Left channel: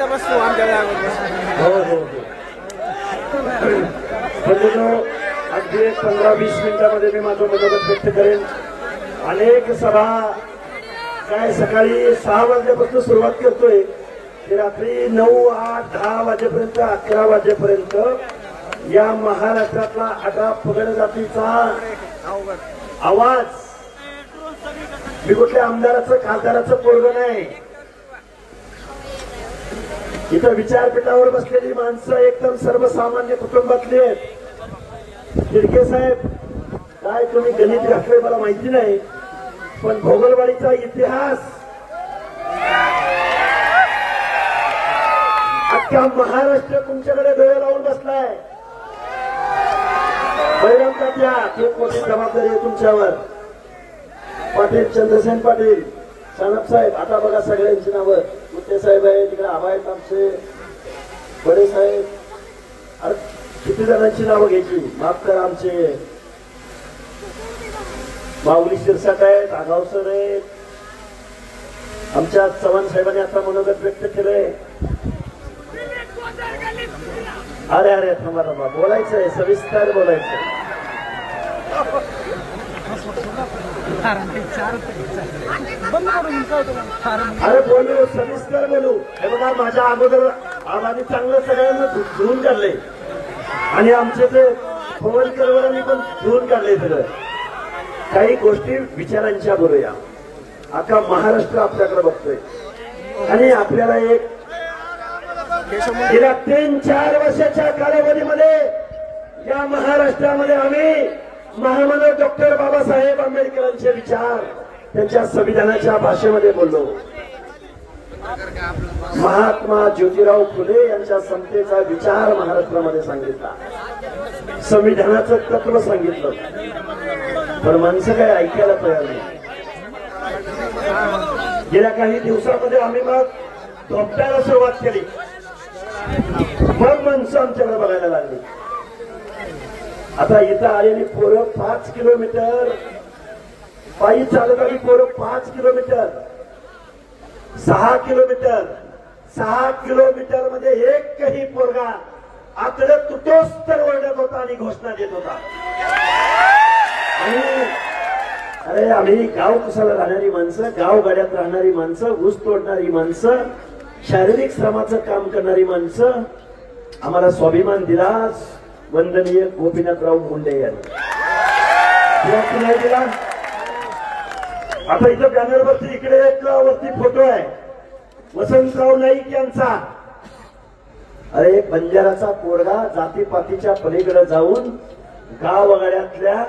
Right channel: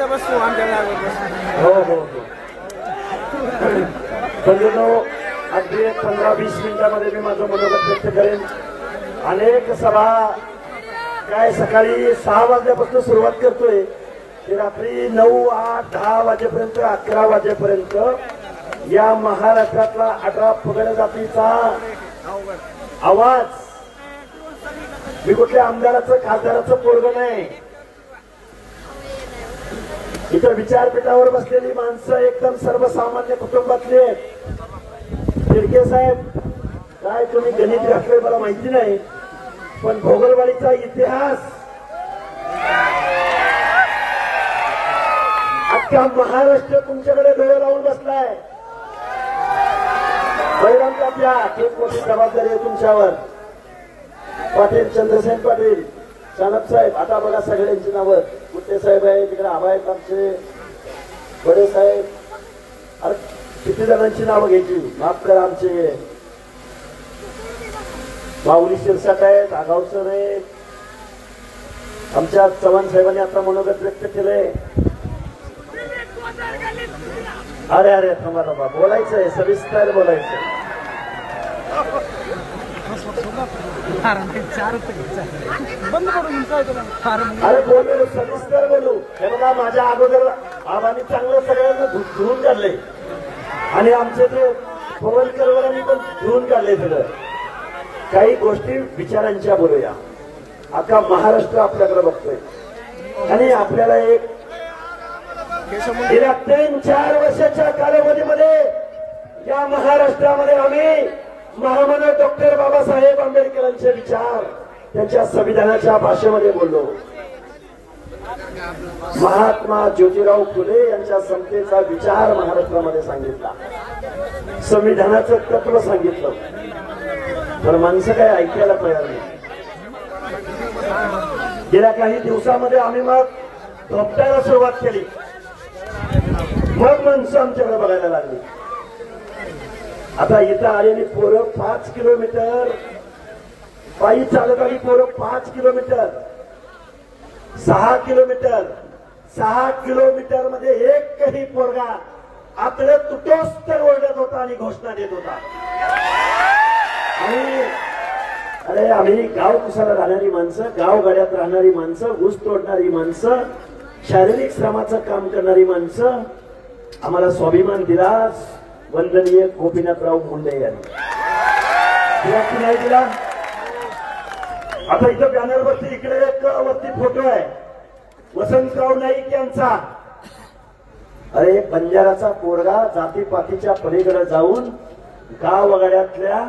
इथं बसतो आमच्या जागेवर बसतो. हो हो हो. अगदी 15-20 मिनिटांमध्ये मी माझं मनोगत व्यक्त करेन. अनेक सभा काय सकाळी 6 वाजल्यापासून सुरुवात करतोय ते रात्री 9, 8, 10 वाजेपर्यंत 11 वाजेपर्यंत या महाराष्ट्रातला 18 पगड जातीचा आवाज. मी कुठल्या आमदाराचं खासदाराचं पोरगं नाही. इथं विचारपीठावर बसलेली माणसं एकदम सर्वसामान्य कुटुंबातली आहेत. शिर्के साहेब काय तुम्ही गणित घातले मला माहिती नाही, पण भोगलवाडीचा इतिहास अख्ख्या महाराष्ट्र तुमच्याकडे डोळे लावून बसलाय. बैराम तात्या खूप मोठी जबाबदारी आहे तुमच्यावर. पाटील चंद्रसेन पाटील, सानप साहेब, आता बघा सगळ्यांची नावं. मुत्ते साहेब आहे तिकडे, आबा आहेत आमचे, बडे साहेब, अरे किती जणांची नावं घ्यायची, माफ करा. आमचे माऊली शिरसाट आहेत, आगावसर आहेत. आमच्या चव्हाण साहेबांनी आता मनोगत व्यक्त केलंय. अरे अरे थांबा थांबा, बोलायचंय, सविस्तर बोलायचंय. अरे बोलू, सविस्तर बोलू. हे बघा माझ्या अगोदर आम्ही चांगलं सगळ्यांना धुवून काढले आणि आमचे ते पवनकरवरांनी पण धुवून काढले. सगळं काही गोष्टी विचारांच्या बोलूया. अख्खा महाराष्ट्र आपल्याकडे बघतोय आणि आपल्याला एक गेल्या 3-4 वर्षाच्या कालावधीमध्ये या महाराष्ट्रामध्ये आम्ही महामानव डॉक्टर बाबासाहेब आंबेडकरांचे विचार त्यांच्या संविधानाच्या भाषेमध्ये बोललो. महात्मा ज्योतिराव फुले यांच्या समतेचा विचार महाराष्ट्रामध्ये सांगितला. संविधानाचं तत्व सांगितलं, पण माणसं काय ऐकायला तयार नाही. गेल्या काही दिवसामध्ये आम्ही मग धोपटायला सुरुवात केली. मग माणसं आमच्याकडे बघायला लागली. आता इथं आलेली पोरं 5 किलोमीटर पायी चालत आली. पोरं 5 किलोमीटर, 6 किलोमीटर, 6 किलोमीटर मध्ये एकही पोरगा आपल्याला तुटोस तर ओरडत होता आणि घोषणा देत होता. आणि अरे आम्ही गाव कुसाला राहणारी माणसं, गावगाड्यात राहणारी माणसं, ऊस तोडणारी माणसं, शारीरिक श्रमाचं काम करणारी माणसं, आम्हाला स्वाभिमान दिला वंदनीय गोपीनाथराव मुंडे यांनी. दिला. आता इथं बॅनरवरती इकडे वरती फोटो आहे वसंतराव नाईक यांचा. अरे बंजाराचा पोरगा जातीपातीच्या पलीकडे जाऊन गावगाड्यातल्या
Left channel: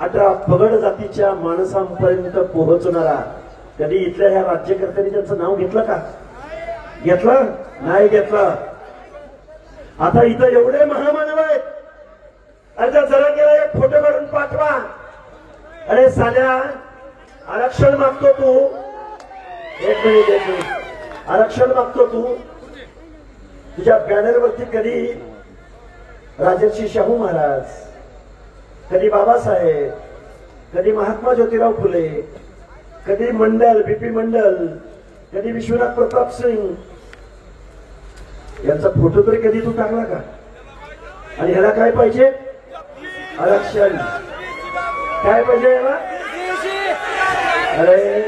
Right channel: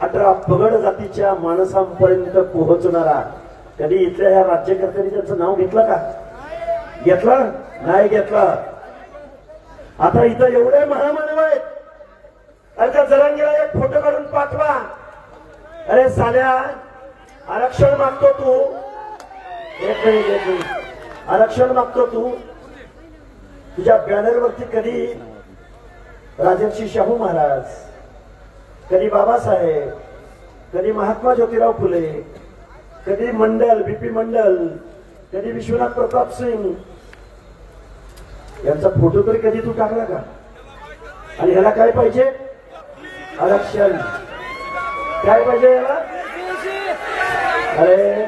18 पगड जातीच्या माणसांपर्यंत पोहोचणारा. कधी इथल्या ह्या राज्यकर्त्यांनी त्यांचं नाव घेतलं का? घेतलं नाही घेतलं. आता इथं एवढे महामानव आहेत. अरे त्या जरांगेला एक फोटो काढून पाठवा. अरे साल्या आरक्षण मागतो तू, एक मिनिट, आरक्षण मागतो तू. तुझ्या बॅनरवरती कधी राजर्षी शाहू महाराज, कधी बाबासाहेब, कधी महात्मा ज्योतिराव फुले, कधी मंडल, बीपी मंडल, कधी विश्वनाथ प्रताप सिंग यांचा फोटो तरी कधी तू टाकला का? आणि ह्याला काय पाहिजे? आरक्षण. काय पाहिजे याला? अरे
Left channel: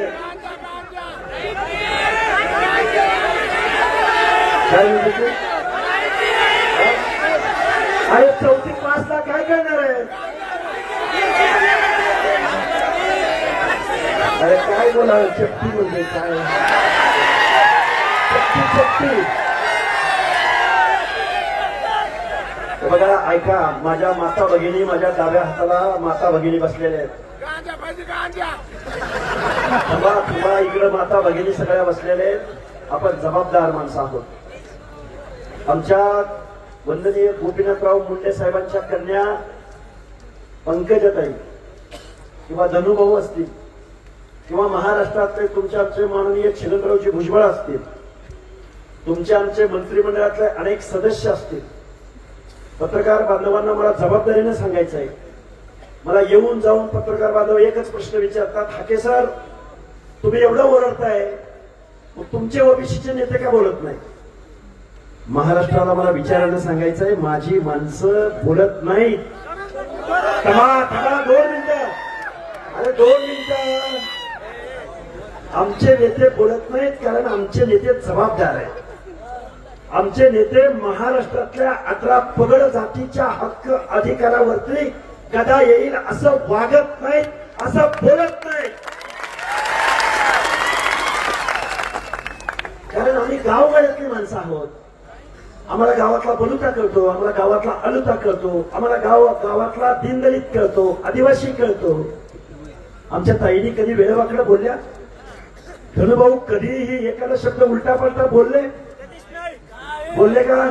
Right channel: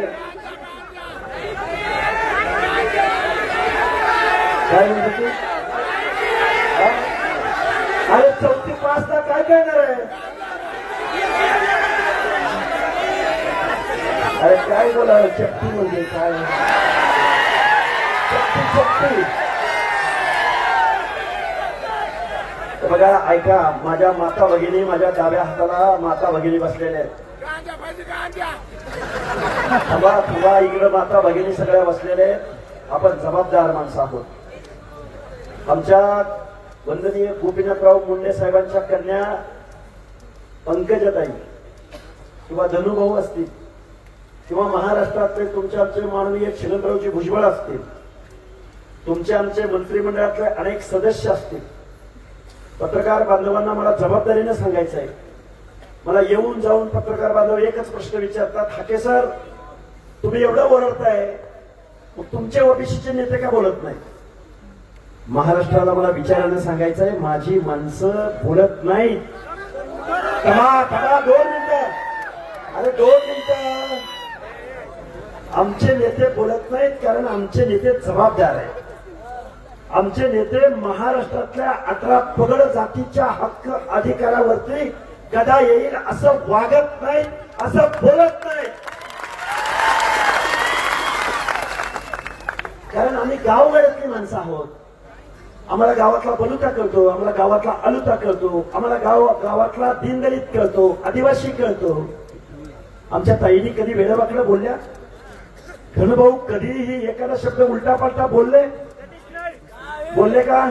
काय म्हणते तू? अरे 4थी पासला काय करणार आहे? अरे काय बोलावं? चक्की म्हणजे काय? चक्की. बघा ऐका, माझ्या माता भगिनी, माझ्या डाव्या हाताला माता भगिनी बसलेल्या आहेत. तुला इकडे माता भगिनी सगळ्या बसलेल्या आहेत. आपण जबाबदार माणसं आहोत. आमच्या वंदनीय गोपीनाथराव मुंडे साहेबांच्या कन्या पंकजाताई किंवा धनुभाऊ असतील किंवा महाराष्ट्रातले तुमच्या आमचे माननीय शिरंतरावजी भुजबळ असतील, तुमचे आमचे मंत्रिमंडळातले अनेक सदस्य असतील. पत्रकार बांधवांना मला जबाबदारीने सांगायचं आहे. मला येऊन जाऊन पत्रकार बांधव एकच प्रश्न विचारतात, हाके सर तुम्ही एवढं ओरडताय, मग तुमचे ओबीसीचे नेते का बोलत नाही? महाराष्ट्राला मला विचारानं सांगायचंय, माझी माणसं बोलत नाहीत. थांबा 2 मिनिटं. अरे 2 मिनिटं. आमचे नेते बोलत नाहीत कारण आमचे नेते जबाबदार आहेत. आमचे नेते महाराष्ट्रातल्या 18 पगड जातीच्या हक्क अधिकारावरती गदा येईल असं वागत नाहीत, असं बोलत नाहीत. कारण आम्ही गावगाड्यातली माणसं आहोत. आम्हाला गावातला बलुता कळतो, आम्हाला गावातला अलुता कळतो, आम्हाला गावातला दीनदलित कळतो, आदिवासी कळतो. आमच्या ताईनी कधी वेळवाकडं बोलल्या? धनुभाऊ कधीही एखादा शब्द उलटा पलटा बोलले का?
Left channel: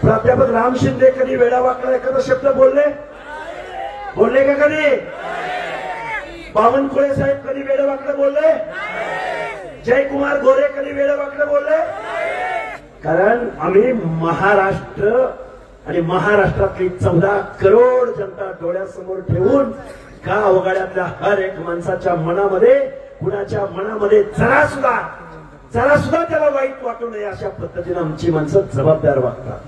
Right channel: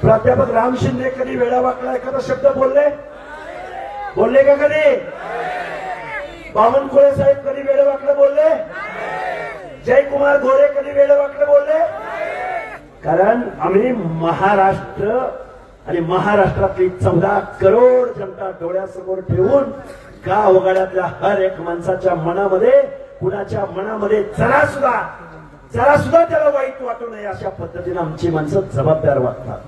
प्राध्यापक राम शिंदे कधी वेळावाकडा एखादा शब्द बोलले का कधी? बावनकुळे साहेब कधी वेळावाकडं बोलले? जयकुमार गोरे कधी वेळावाकडं बोलले? कारण आम्ही महाराष्ट्र आणि महाराष्ट्रातली 14 करोड जनता डोळ्यासमोर ठेवून गावगाड्यातल्या हर एक माणसाच्या मनामध्ये, कुणाच्या मनामध्ये जरा सुद्धा त्याला वाईट वाटू नये अशा पद्धतीने आमची माणसं जबाबदार वागतात.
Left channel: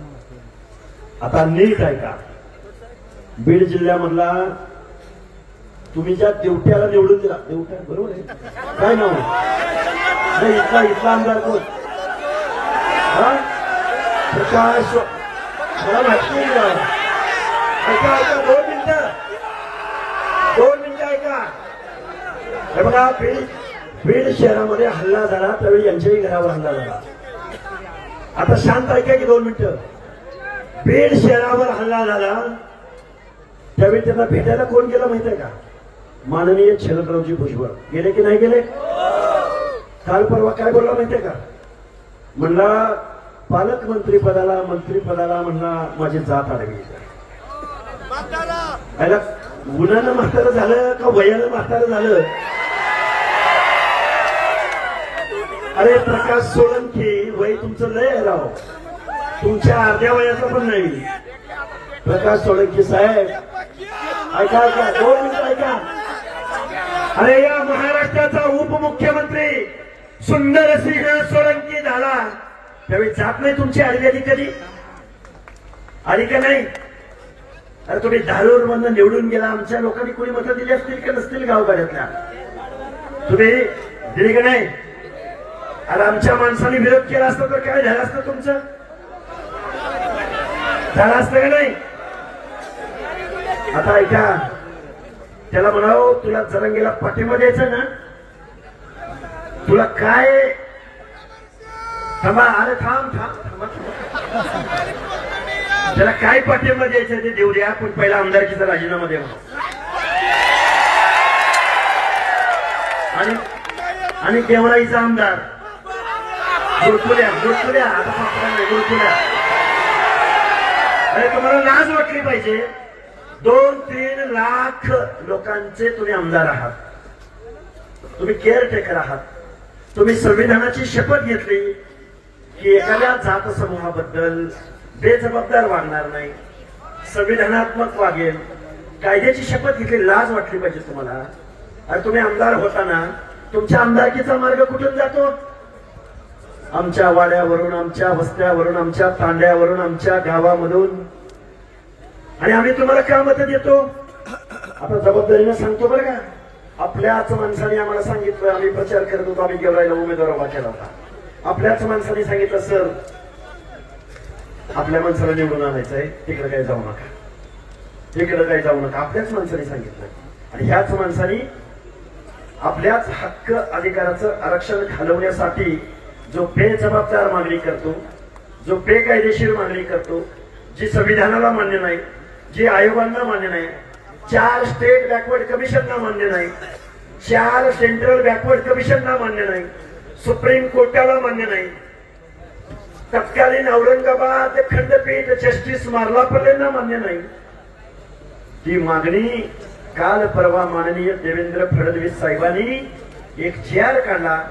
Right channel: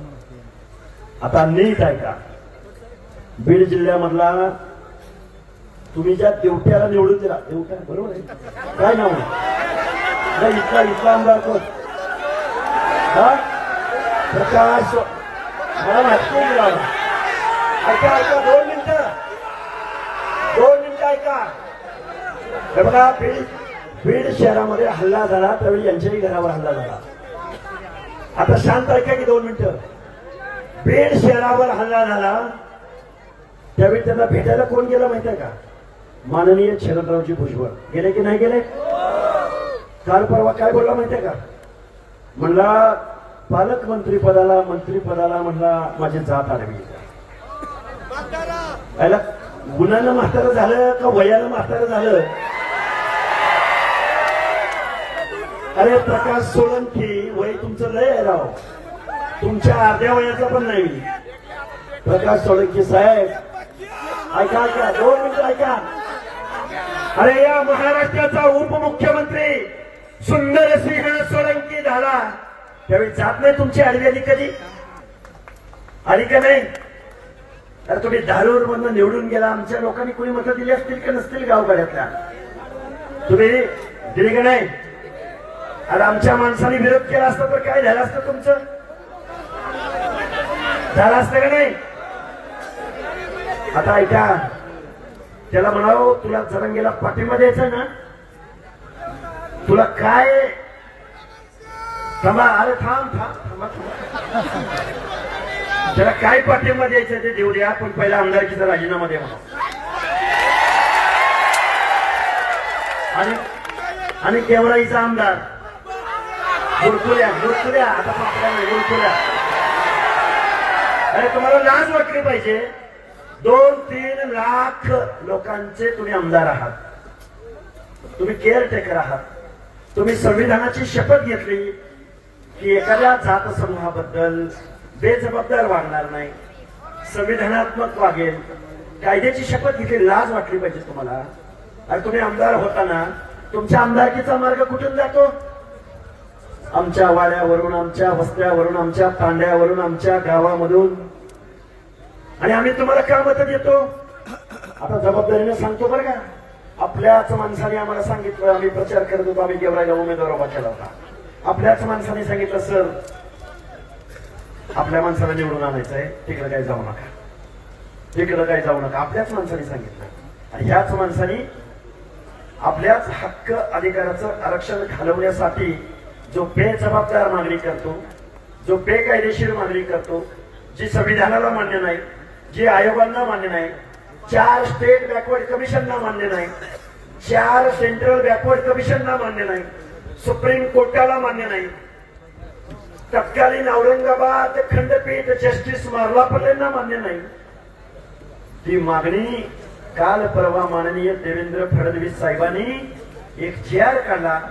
आता नीट ऐका. बीड जिल्ह्यामधला तुम्ही ज्या देवट्याला निवडून दिला, देवट्या बरोबर आहे, काय नाव आहे इथला आमदार कोण? प्रकाश, मला माहिती नाही. ऐका 2 मिनिटं ऐका. हे बघा, बीड शहरामध्ये हल्ला झाला त्यावेळी यांच्याही घरावर हल्ला झाला. आता शांत ऐका की 2 मिनिटं. बीड शहरावर हल्ला झाला त्यावेळी त्यांना भेटायला कोण गेलं माहितीये का? माननीय शरदरावजी भुजबळ गेले की नाही गेले? काल परवा काय बोलला माहितीये का? म्हणला पालकमंत्रीपदाला, मंत्रीपदाला म्हणला माझी जात आडवी. याला गुन्ह्यानं म्हातारं झालं का वयानं म्हातारं झालं? अरे प्रकाश सोळंकी, वय तुमचं लय आहे राव, तुमच्या अर्ध्या वयाचं पण नाही. प्रकाश सोळंकी साहेब ऐका 2 मिनिटं ऐका. अरे या महाराष्ट्राचा उपमुख्यमंत्री सुंदरसिंह सोळंकी झाला त्यावेळी जात नाही तुमची आडवी कधी? आली का नाही? अरे तुम्ही धारूर मधून निवडून गेला, आमच्या लोकांनी कोणी मतं दिली असतील का नसतील गावगाड्यातल्या? तुम्ही दिली का नाही? अरे आमच्या माणसाने विरोध केला असता तर काय झालं असतं तुमचं? झालं असतं का नाही? आता ऐका, त्याला म्हणावं तुला जरंगेला पाठिंबा द्यायचा ना, तुला काय? थांबा, अरे थांब. त्याला काय पाठिंबा द्यायचं ते देऊ द्या, पण पहिला आमदारकीचा राजीनामा द्या आणि देवराईचा आमदार गुरकुल्या आता गुरकुल्या. अरे तुम्हाला लाज वाटली पाहिजे. 2-3 लाख लोकांचे तुम्ही आमदार आहात, तुम्ही केअरटेकर आहात. तुम्ही संविधानाची शपथ घेतली की एखाद्या जात समूहाबद्दल बेजबाबदार वागणार नाही, संविधानात्मक वागेल, कायद्याची शपथ घेतली. लाज वाटली पाहिजे तुम्हाला. आणि तुम्ही आमदार होताना तुमच्या आमदारकीचा मार्ग कुठून जातो? आमच्या वाड्यावरून, आमच्या वस्त्यावरून, आमच्या तांड्यावरून, आमच्या गावामधून. आणि आम्ही तुम्हाला काय मतं देतो? आता जबाबदारीने सांगतो बरं का. आपल्याच माणसाने आम्हाला सांगितलं, आम्ही प्रचार करत होतो, आम्ही गेवराईला उमेदवार उभा केला होता. आपल्याच माणसाने सांगितलं सर आपल्या माणसाला निवडून आणायचं आहे, तिकडे काही जाऊ नका. आपल्याच माणसाने सांगितलं. आणि ह्याच माणसाने आपल्याच हक्क अधिकाराचं आरक्षण घालवण्यासाठी जो बेजबाबदार मागणी करतो, जो बेकायदेशीर मागणी करतो, जी संविधानाला मान्य नाही, जी आयोगांना मान्य नाही, 4 स्टेट बॅकवर्ड कमिशनना मान्य नाही, 4 सेंट्रल बॅकवर्ड कमिशनना मान्य नाही, सुप्रीम कोर्टाला मान्य नाही, तत्कालीन औरंगाबाद खंडपीठ जस्टिस मार्लापल्लेंना मान्य नाही. ती मागणी काल परवा माननीय देवेंद्र फडणवीस साहेबांनी एक GR काढला.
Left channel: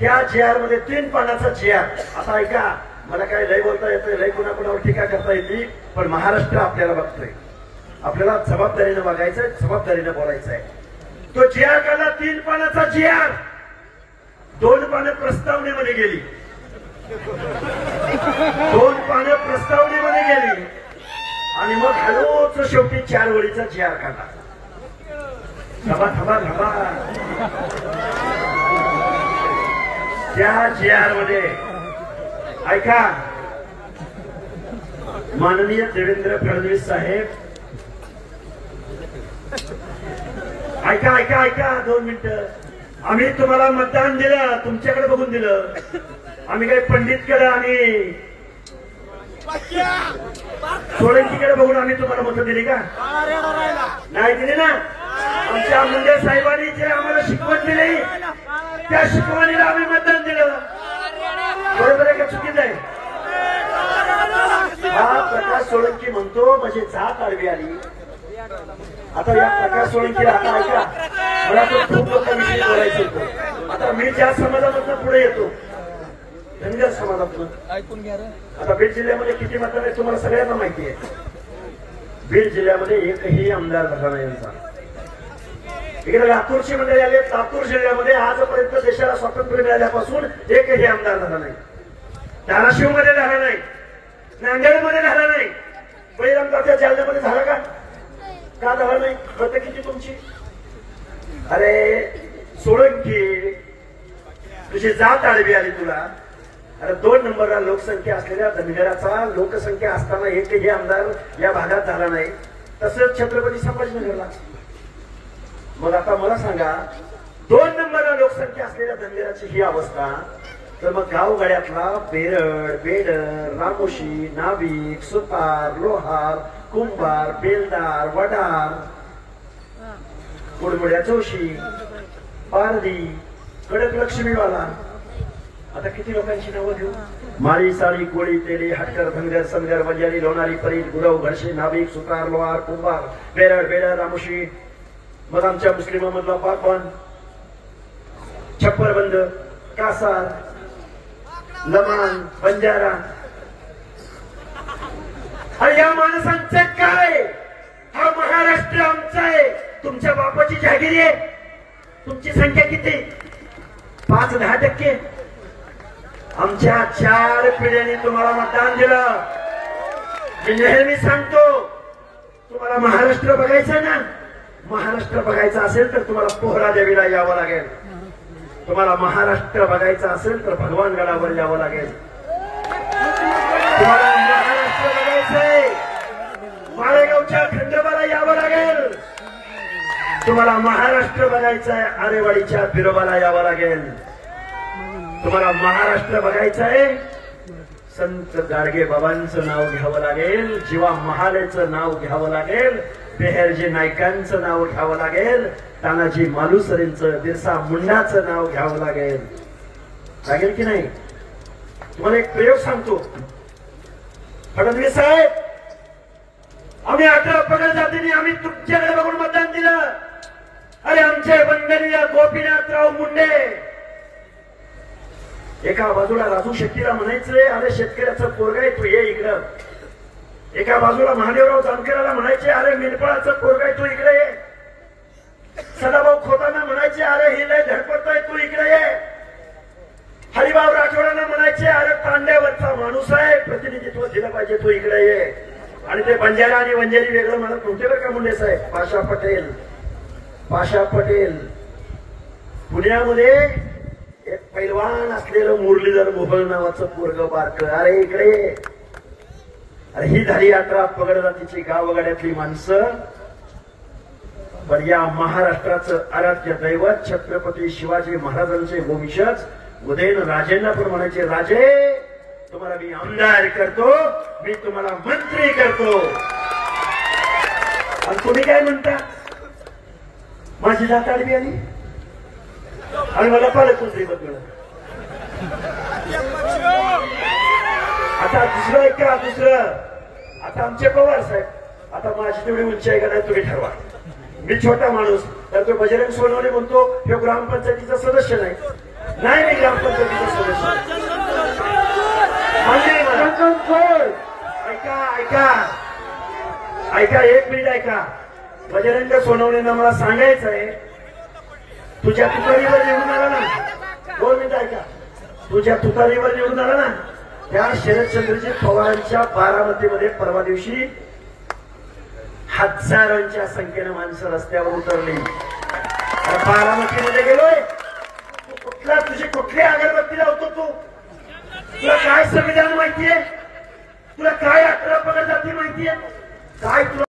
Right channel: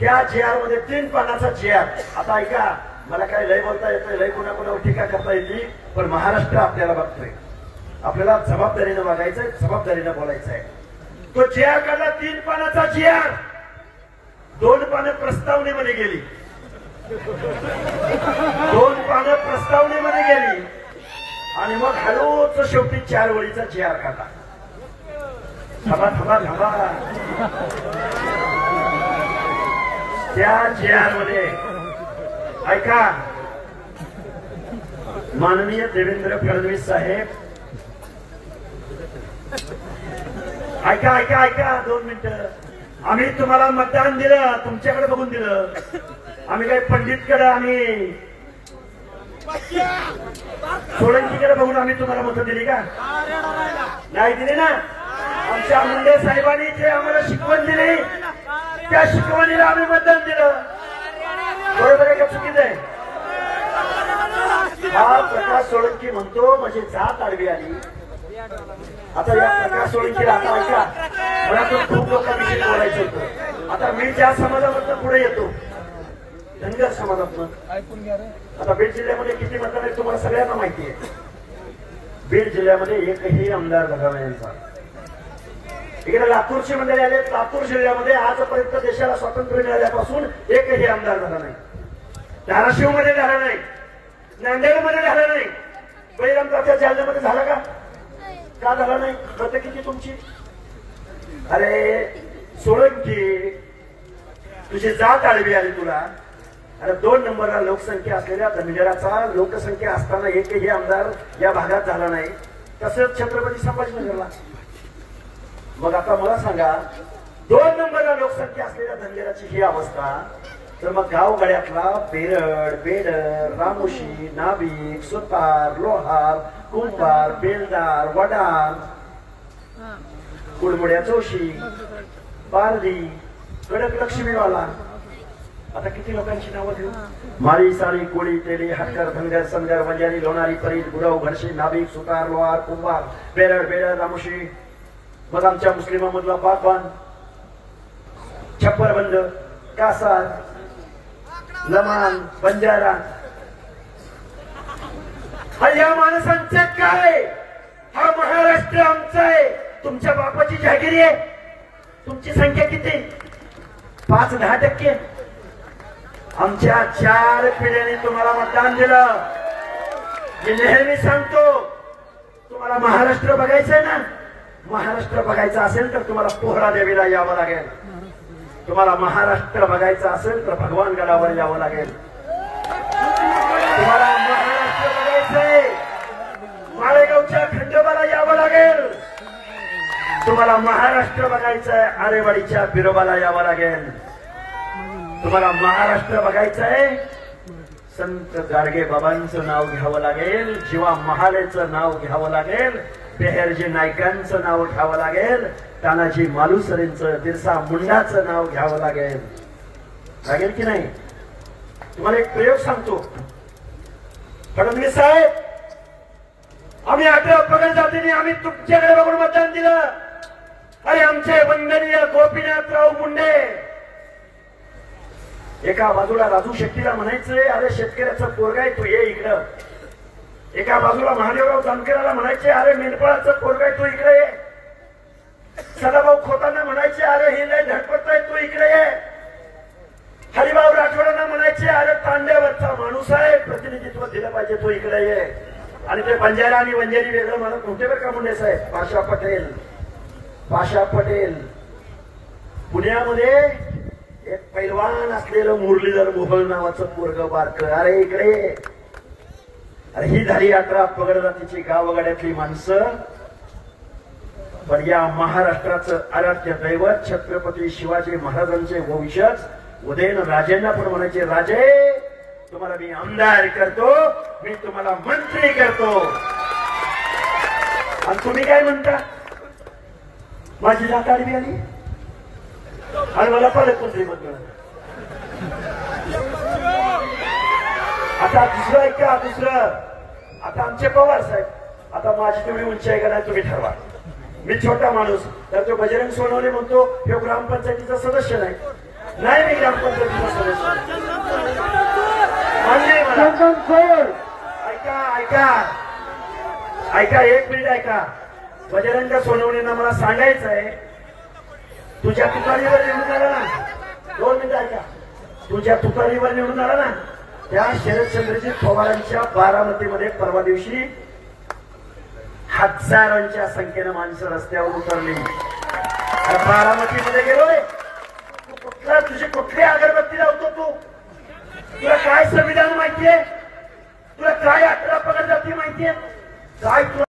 त्या GR मध्ये 3 पानाचा GR. आता ऐका, मला काय लय बोलता येतं, लय कुणाकुणावर टीका करता येते, पण महाराष्ट्र आपल्याला बघतोय. आपल्याला जबाबदारीने वागायचंय, जबाबदारीने बोलायचंय. तो GR काढला, 3 पानाचा GR. 2 पानं प्रस्तावनेमध्ये गेली. 2 पानं प्रस्तावनेमध्ये गेली आणि मग हळूच शेवटी 4 वळीचा जी.आर. काढला. थांबा थांबा थांबा. त्या जी.आर. मध्ये ऐका, माननीय देवेंद्र फडणवीस साहेब, ऐका ऐका ऐका 2 मिनिटं. आम्ही तुम्हाला मतदान दिलं, तुमच्याकडे बघून दिलं. आम्ही काही पंडितकडे आणि सोळंकीकडे बघून आम्ही तुम्हाला मतं दिली का? नाही दिली ना. आमच्या मुंडे साहेबांनी जे आम्हाला शिकवण दिली त्या शिकवणीला आम्ही मतदान दिलं. बरोबर आहे का चुकीचं आहे? हा प्रकाश सोळंकी म्हणतो म्हणजे जात आडवी आली. आता या प्रकाश सोळंकीला आता ऐका, मला तो खूप लोकांविषयी बोलायचं होतं. आता मी ज्या समाजामधनं पुढे येतो, धनगर समाजातनं. ऐकून घ्या रे. आता बीड जिल्ह्यामध्ये किती मतदार आहेत तुम्हाला सगळ्यांना माहिती आहे. बीड जिल्ह्यामध्ये एकही आमदार झाला नाही यांचा. इकडे लातूरची मंडळी आले. लातूर जिल्ह्यामध्ये आजपर्यंत देशाला स्वातंत्र्य मिळाल्यापासून एकही आमदार झाला नाही. धाराशिवमध्ये झाला नाही, नांदेडमध्ये झाला नाही, बळीरामरावच्या जालन्यामध्ये झाला का? का झाला नाही? प्रत्येक किती तुमची? अरे सोळंकी, तुझी जात आडवी आली तुला. अरे 2 नंबरला लोकसंख्या असलेल्या धनगराचा लोकसंख्या असताना एकही आमदार या भागात झाला नाही. तसंच छत्रपती संभाजीनगरला. मग आता मला सांगा, 2 नंबरला लोकसंख्या असलेल्या धनगराची ही अवस्था, तर मग गावगाड्यातला बेरड, बेडर, रामोशी, नाभिक, सुतार, लोहार, कुंभार, बेलदार, वडार, कुडमुड्या जोशी, पारधी, कडक लक्ष्मीवाला, आता किती लोकांची नावं देऊ? माळी, साळी, कोळी, तेली, हटकर, धनगर, सनगर, बंजारी, लोणारी, परील, गुरव, घरशी, नाभिक, सुतार, लोहार, कुंभार, बेरड, बेडर, रामोशी. मग आमच्या मुस्लिमांमधला पाकबान, छप्परबंद, कासार, लमान, बंजारा. या माणसांचं काय? हा महाराष्ट्र आमचा आहे. तुमच्या बापाची जागिरी आहे. तुमची संख्या किती? 5-10%. आमच्या 4 पिढ्यांनी तुम्हाला मतदान दिलं. मी नेहमी सांगतो, तुम्हाला महाराष्ट्र बघायचंय ना, महाराष्ट्र बघायचं असेल तर तुम्हाला पोहरा देवीला यावं लागेल. तुम्हाला महाराष्ट्र बघायचं असेल तर भगवान गडावर यावं लागेल. तुम्हाला महाराष्ट्र बघायचंय, माळेगावच्या खंडोबाला यावं लागेल. तुम्हाला महाराष्ट्र बघायचंय, आरेवाडीच्या बिरोबाला यावं लागेल. तुम्हाला महाराष्ट्र बघायचंय, संत गाडगे बाबांचं नाव घ्यावं लागेल, जीवा महालेचं नाव घ्यावं लागेल, पेहरजी नाईकांचं नाव घ्यावं लागेल, तानाजी मालुसरेंचं, बिरसा मुंडाचं नाव घ्यावं लागेल. लागेल की नाही? तुम्हाला एक प्रयोग सांगतो. फडणवीस साहेब, आम्ही 18 पगड जातीने आम्ही तुमच्याकडे बघून मतदान दिलं. अरे आमचे वंदनीय गोपीनाथराव मुंडे एका बाजूला राजू शेट्टीला म्हणायचे, अरे शेतकऱ्याचं पोरगा आहे तू ये इकडं. एका बाजूला महादेवराव जानकराला म्हणायचे, अरे मेंढपाळाचं पोरगा आहे तू इकडे ये. सदाभाऊ खोतांना म्हणायचे, अरे हे लय धडपडतोय तू इकडे ये. हरिभाऊ राठोडांना म्हणायचे, अरे पांड्यावरचा माणूस आहे, प्रतिनिधित्व दिलं पाहिजे तू इकडे ये. आणि ते बंजारा आणि वंजारी वेगळं म्हणत नव्हते बरं का मुंडे साहेब. पाशा पटेल पुण्यामध्ये एक पैलवान असलेलं मुरलीधर मोहोळ नावाचं पोरगं बारकं, अरे इकडे ये. अरे ही झाली 18 पगड जातीची गावगाड्यातली माणसं. पण या महाराष्ट्राचं आराध्य दैवत छत्रपती शिवाजी महाराजांचे वंशज उदयन राजेंना पण म्हणायचे, राजे तुम्हाला मी आमदार करतो, मी तुम्हाला मंत्री करतो. आणि तुम्ही काय म्हणता? माझी जात आडवी आली आणि मला पालक मंत्री पद मिळालं. आता दुसरं ऐका, दुसरं. आता आमचे पवार साहेब, आता माझी तेवढी उंची आहे का नाही तुम्ही ठरवा. मी छोटा माणूस, तर तो बजरंग सोनवणे म्हणतो हे ग्रामपंचायतीचा सदस्य नाही. नाही मी ग्रामपंचायतीचा सदस्य. ऐका ऐका ऐका, 1 मिनिट ऐका. बजरंग सोनवणेंना मला सांगायचं आहे, तुझ्या ठिकाणीवर निवडून आला ना. 2 मिनिट ऐका. तुझ्या तुतारीवर निवडून आला ना, त्या शरदचंद्रजी पवारांच्या बारामतीमध्ये परवा दिवशी हजारांच्या संख्येनं माणसं रस्त्यावर उतरली. बारामतीमध्ये गेलोय, तुझी कुठली अगरबत्ती लावतो तू? तुला काय संविधान माहितीये? तुला काय 18 पगड जाती माहितीये? काय